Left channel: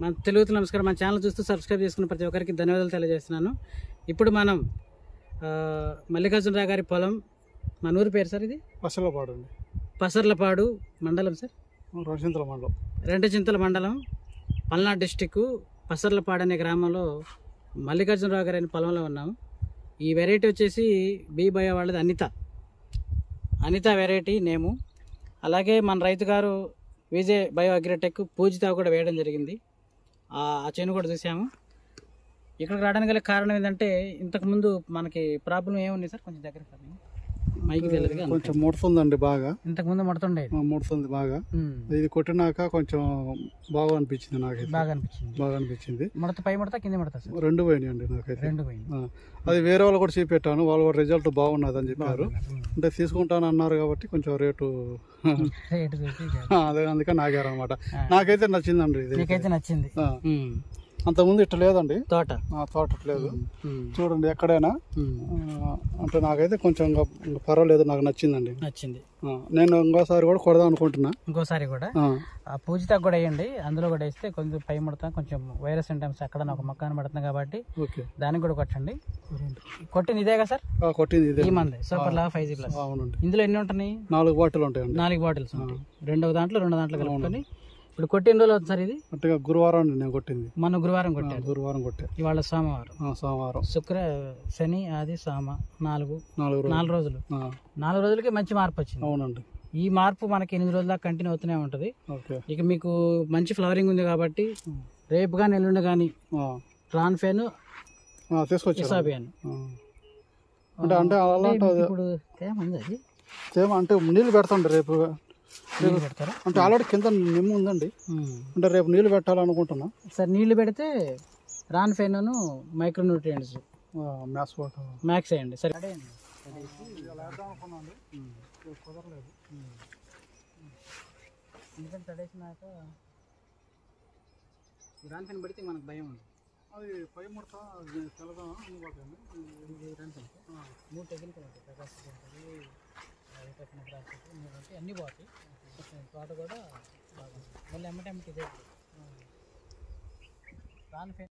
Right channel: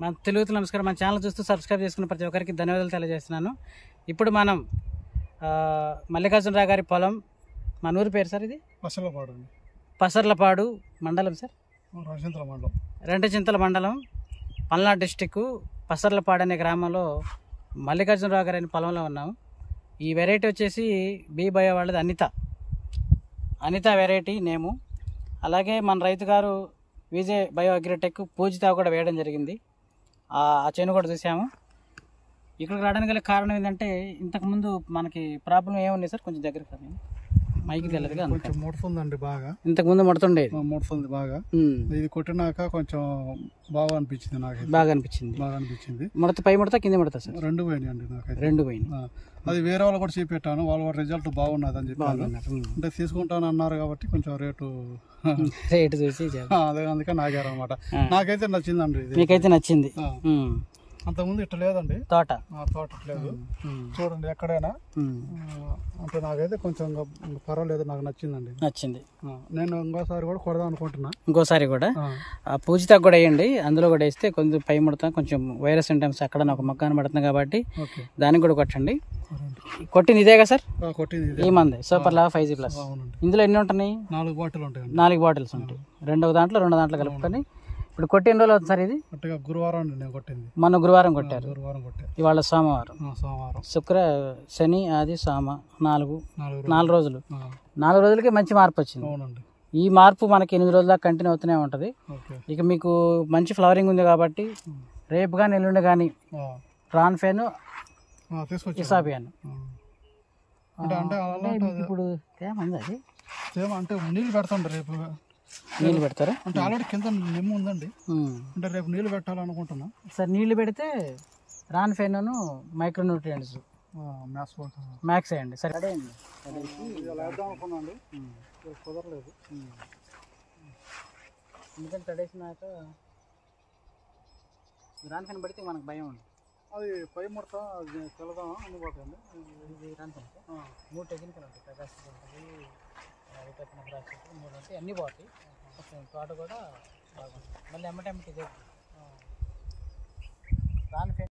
మన తెలుగుతో నమస్కారం. మన ఛానల్ చూస్తూ సబ్స్క్రైబ్ చేసుకున్న ప్రతి ఒక్కరికి ధన్యవాదాలు తెలియజేస్తున్నాను. ఇప్పుడు మనం మల్లికార్జునరావు గారి పొలం, మన ఊరి పేరు సార్ ఇది పసర్లపాడు అండి. పసర్లపాడు మండలం సార్, రెంటచింతల మండలం, పల్నాడు డిస్టిక్, పసర్లపాడు అనే గ్రామంలో మల్లికార్జునరావు గారి పొలంలో ఉన్నాము. ఈ వెరైటీ వచ్చేసి బీ బయో వాళ్ళది అనిత వెరైటీ నేము. అలాగే మన రైతు గారు విజయ్ బయో అగ్రిటెక్ పూజిత కూడా వేయడం జరిగింది. ఆ చేను కూడా చూసాము. ఇక్కడికి రావడానికి గల కారణం ఏంటంటే, ఇంతకుముందు మనకి ప్రాబ్లం ఏముంది సార్, కొంచెం దగ్గర మైకి తెలియదు, కొంచెం ముడుతుందండి బాగా. ఇంతకుముందు ముడుతుండేది, ముడుతుంది బాగా. ఇది కొట్టినాక కొంచెం బాగా అనిపించింది, నాకు బాగా అనిపించింది. ముడత పై ముడత కింద ముడత సార్, రెండు పోయినాయండి నాకైతే. రెండు పోయింది. అది వేరే వాళ్ళు కూడా చూపెట్టాను, వాళ్ళు కూడా రిజల్ట్ బాగున్నది అని చెప్పారు. అంటే తీసుకుంటాను అన్నారు కాబట్టి కొంచెం రేటు చూసి అదే అందుకని ఆగారు అనమాట. నాకైతే నచ్చిందండి. మీకైతే నచ్చింది. అంతకుముందు ఇట్లా లేదండి, తోట లేదు. చూడండి ఎక్కడైనా. అంటే నాకైతే కొంచెం పర్వాలేదు, నాకు నచ్చిందండి. నేను ఇంకోసారి కూడా కొడదాం అనుకుంటున్నా. ఇంకోసారి కూడా పూజితకు కూడా వేయండి, అందులో కూడా వేస్తే కొంచెం పై ముడతా, కొంచెం వైరస్ సింటమ్స్ అక్కడ ఒక మొక్క కనబడుతుంది కాబట్టి దానికి కూడా కొట్టండి. కొట్టింది ఇదేగా సార్? కొట్టింది ఈ మంది సూపర్ లాగా 5G+. అవునండి. ఇందులో ఎన్ని ఉంటున్నాయి? 4 బాటిల్ ఉంటాయి. 4 బాటిల్స్ ఉంటాయి. రెండు దాంట్లో కలుపుకొని. ఇప్పుడు కొట్టి ఎన్ని రోజులు అవుతుంది సార్ ఇది? గురువారం నేను కొట్టింది. మొన్న గురువారం కొట్టారు. గురువారం కొట్టారు. ఇవాళ సోమవారం, శుక్ర, శని, ఆది, సోమ, 4 రోజులు. 4 రోజులకి మంచి మార్పు వచ్చింది. అవునండి. ఈ మార్పు మనకి 8 రోజుల దాకా కంటిన్యూ అవుతూనే ఉంటుంది. ఇక మీకు మంచి ఫ్లవరింగ్ ఉంది కాబట్టి రేపు కానీ ఎల్లుండి కానీ ట్రాన్ఫేన్ ఇసాబియాన్ ఇప్పుడు తేమ అది తేమ అంటే నీళ్ళు పెడతాండి. రేపు నీళ్ళు పెడతారా? అంటే ఆల్రెడీ కింద నిమ్ము ఉందండి. అంటే రేపు నీళ్ళు పెట్టాలనుకుంటున్నా సార్. నీళ్ళు పెడితే రాన్ఫేన్, మైక్రోన్యూట్రియంట్స్ మ్యాక్స్ వేయండి. సరే కుదరలేదు, ఎందుకంటే తడేసినాక రాన్ఫేన్ పడితే మనకు భయం ఉంది. అది పై ముడత తెలదాం అనుకుంటుంది. రాన్ఫేన్ 3 టెక్నికల్ ఉంటాయి, ప్రకాశం ఉంటుంది, అన్నీ పోతాయి. తోట కూడా మళ్ళీ ఎమ్మటెమ్మటి రాన్ఫేన్